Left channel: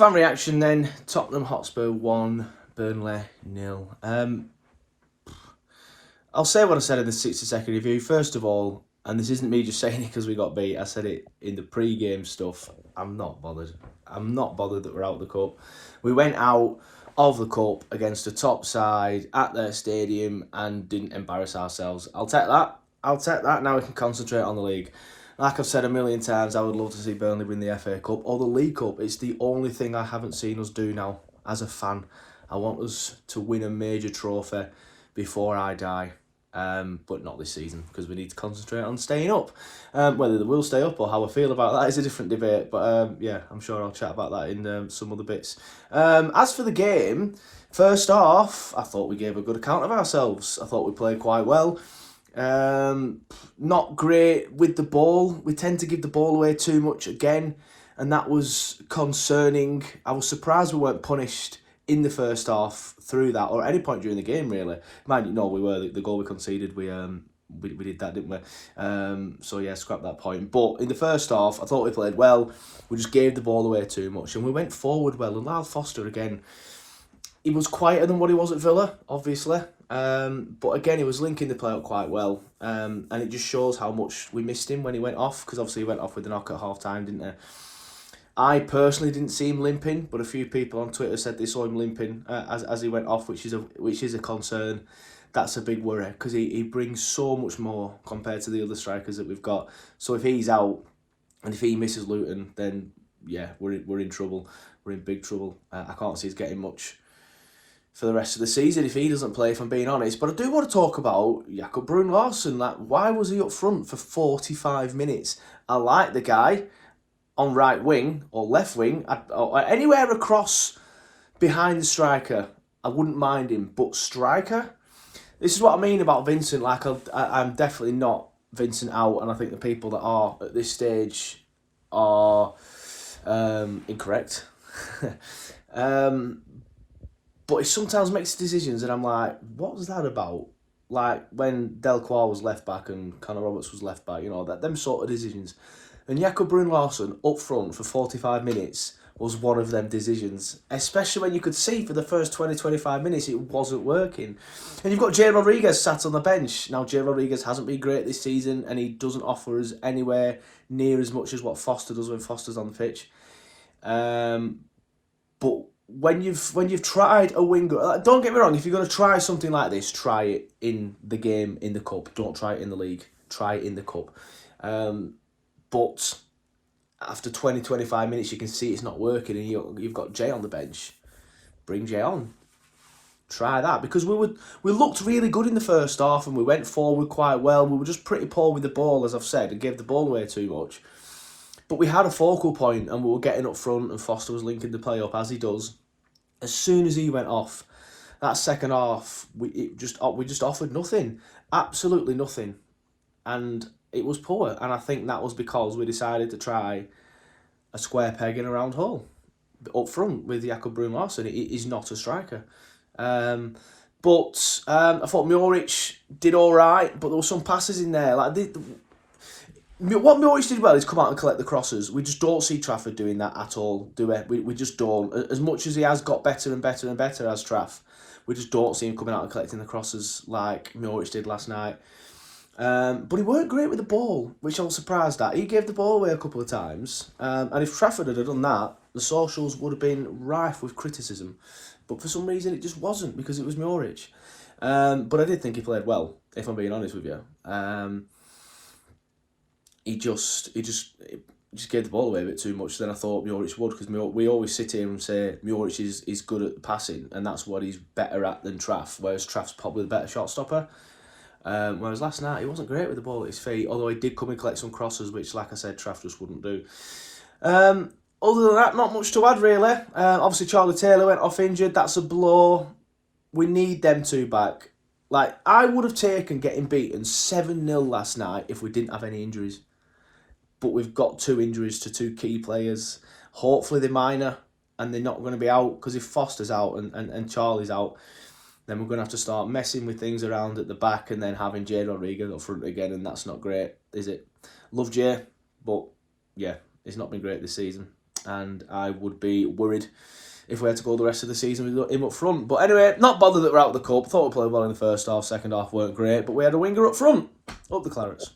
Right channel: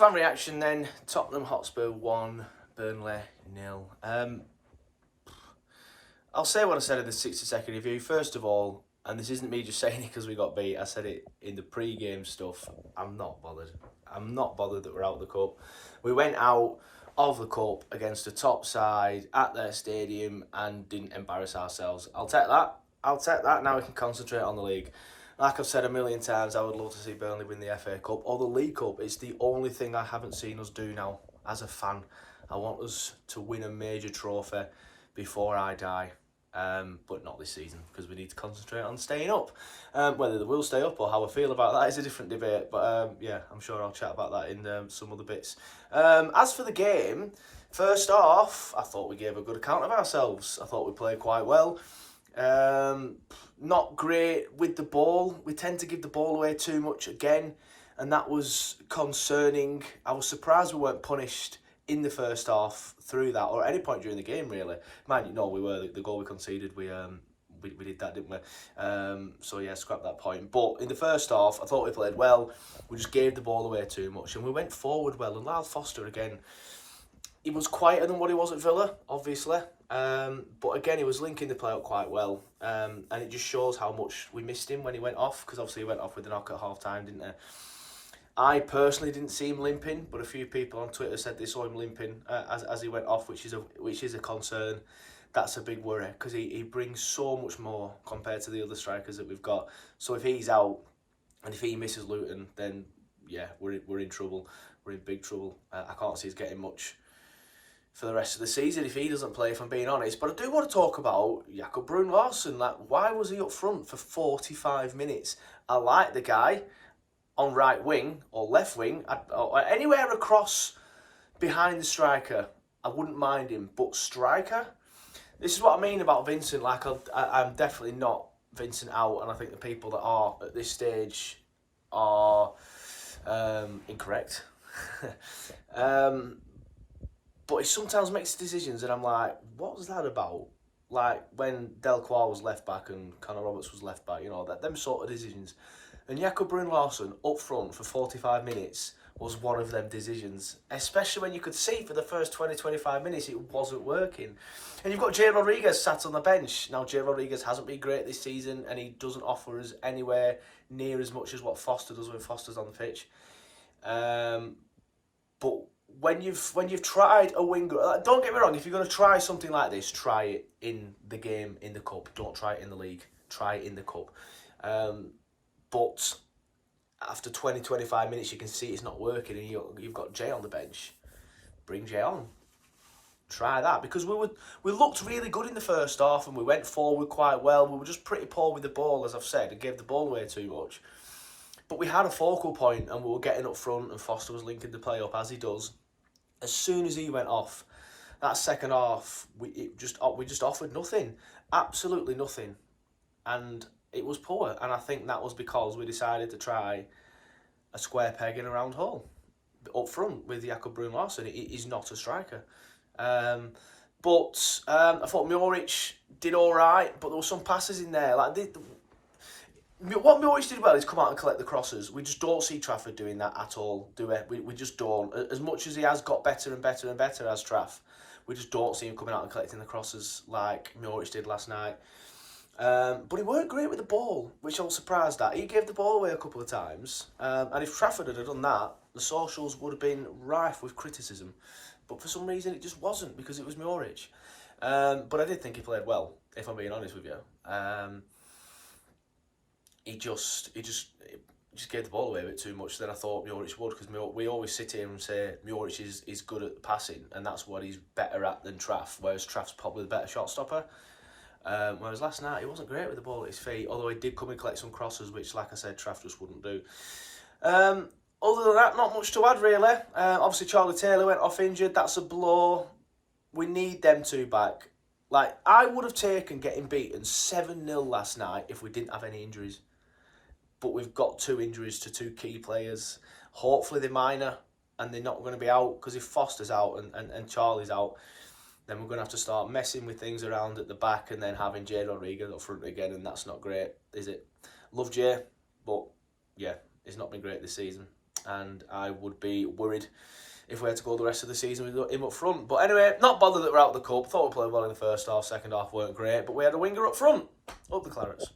Fan reaction then. Tottenham Hotspur 1, Burnley 0. I'll say what I said in the 60-second review. First of all, and this isn't me just saying it because we got beat, I said it in the pre-game stuff, I'm not bothered. I'm not bothered that we're out of the cup. We went out of the cup against a top side at their stadium and didn't embarrass ourselves. I'll take that. Now we can concentrate on the league. Like I've said a million times, I would love to see Burnley win the FA Cup or the League Cup. It's the only thing I haven't seen us do now as a fan. I want us to win a major trophy before I die, but not this season because we need to concentrate on staying up. Whether they will stay up or how I feel about that is a different debate, but yeah, I'm sure I'll chat about that in some other bits. As for the game, first off, I thought we gave a good account of ourselves. I thought we played quite well. Not great with the ball. We tend to give the ball away too much again, and that was concerning. I was surprised we weren't punished in the first half through that, or at any point during the game, really. Mind you, no, we were. The goal we conceded, we did that, didn't we? So yeah, scrap that point. But in the first half, I thought we played well. We just gave the ball away too much, and we went forward well. And Lyle Foster, again, he was quieter than what he was at Villa, obviously. But again, he was linking the play up quite well. And it just shows how much we missed him when he went off, because obviously he went off with a knock at half time, didn't he? I personally didn't see him limping, but a few people on Twitter said they saw him limping as he went off, which is a concern. That's a big worry because he brings so much more compared to the other strikers that we've got. So if he's out and if he misses Luton, then yeah, we're in trouble. We're in big trouble. I can't see us getting much for the rest of the season if he doesn't play, if I'm being honest. But I do want to talk about Jakob Brun-Larsen. Like, why was he up front for 45 minutes? I like the guy on right wing or left wing, or anywhere across behind the striker. I wouldn't mind him, but striker? This is what I mean about Vincent. Like, I'm definitely not Vincent out, and I think the people that are at this stage are incorrect. But he sometimes makes decisions and I'm like, what was that about? Like when Delcroix was left back and Connor Roberts was left back, them sort of decisions. And Jakob Brun-Larsen up front for 45 minutes was one of them decisions. Especially when you could see for the first 20-25 minutes it wasn't working. And you've got Jay Rodriguez sat on the bench. Now, Jay Rodriguez hasn't been great this season and he doesn't offer us anywhere near as much as what Foster does when Foster's on the pitch. But when you've tried a winger, don't get me wrong, if you're going to try something like this, try it in the game, in the cup. Don't try it in the league. Try it in the cup. But after 20-25 minutes, you can see it's not working and you've got Jay on the bench. Bring Jay on. Try that. Because we looked really good in the first half and we went forward quite well. We were just pretty poor with the ball, as I've said, and gave the ball away too much. But we had a focal point and we were getting up front and Foster was linking the play up, as he does. As soon as he went off, that second half, we just offered nothing. Absolutely nothing. And it was poor. And I think that was because we decided to try a square peg in a round hole. Up front with Jakob Brun-Larsen. He's not a striker. But I thought Muric did all right, but there were some passes in there. Like what Muric did well is come out and collect the crosses. We just don't see Trafford doing that at all, do we? We just don't. As much as he has got better and better and better as Traff, we just don't see him coming out and collecting the crosses like Muric did last night. But he weren't great with the ball, which I was surprised at. He gave the ball away a couple of times. And if Trafford had done that, the socials would have been rife with criticism. But for some reason, it just wasn't because it was Muric. But I did think he played well, if I'm being honest with you. He just gave the ball away a bit too much than I thought Muric would, because we always sit here and say Muric is good at passing and that's what he's better at than Traff, whereas Traff's probably the better shot stopper. Whereas last night he wasn't great with the ball at his feet, although he did come and collect some crosses, which, like I said, Traff just wouldn't do. Other than that, not much to add really. Obviously Charlie Taylor went off injured, that's a blow. We need them two back. Like, I would have taken getting beaten 7-0 last night if we didn't have any injuries. But we've got 2 injuries to 2 key players. Hopefully they're minor and they're not going to be out, because if Foster's out and Charlie's out, then we're going to have to start messing with things around at the back and then having Jay Rodriguez up front again, and that's not great, is it? Love Jay, but yeah, it's not been great this season. and I would be worried if we had to go the rest of the season with him up front. But anyway, not bothered that we're out of the cup. Thought we played well in the first half, second half weren't great, but we had a winger up front. Up the Clarets.